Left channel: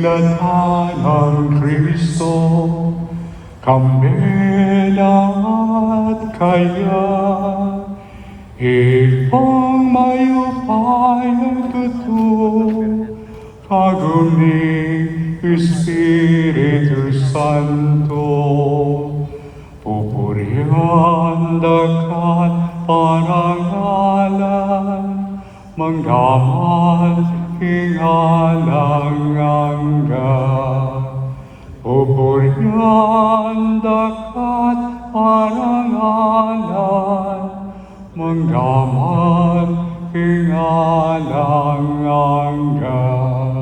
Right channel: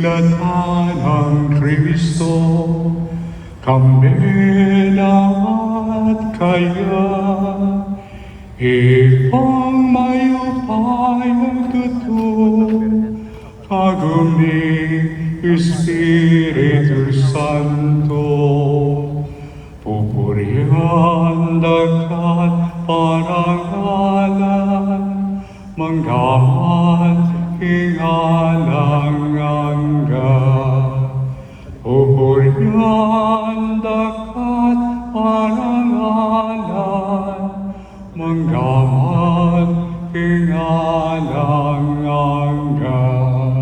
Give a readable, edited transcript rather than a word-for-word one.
Nilikha ng Kristo, kambilang at kaya, ipang mayupay nagtuto, kaguni Espiritu Santo, pupurihan dakat parangalan, manggamat hingalangangga, pupurihan dakat parangalan, manggamat hingalangangga.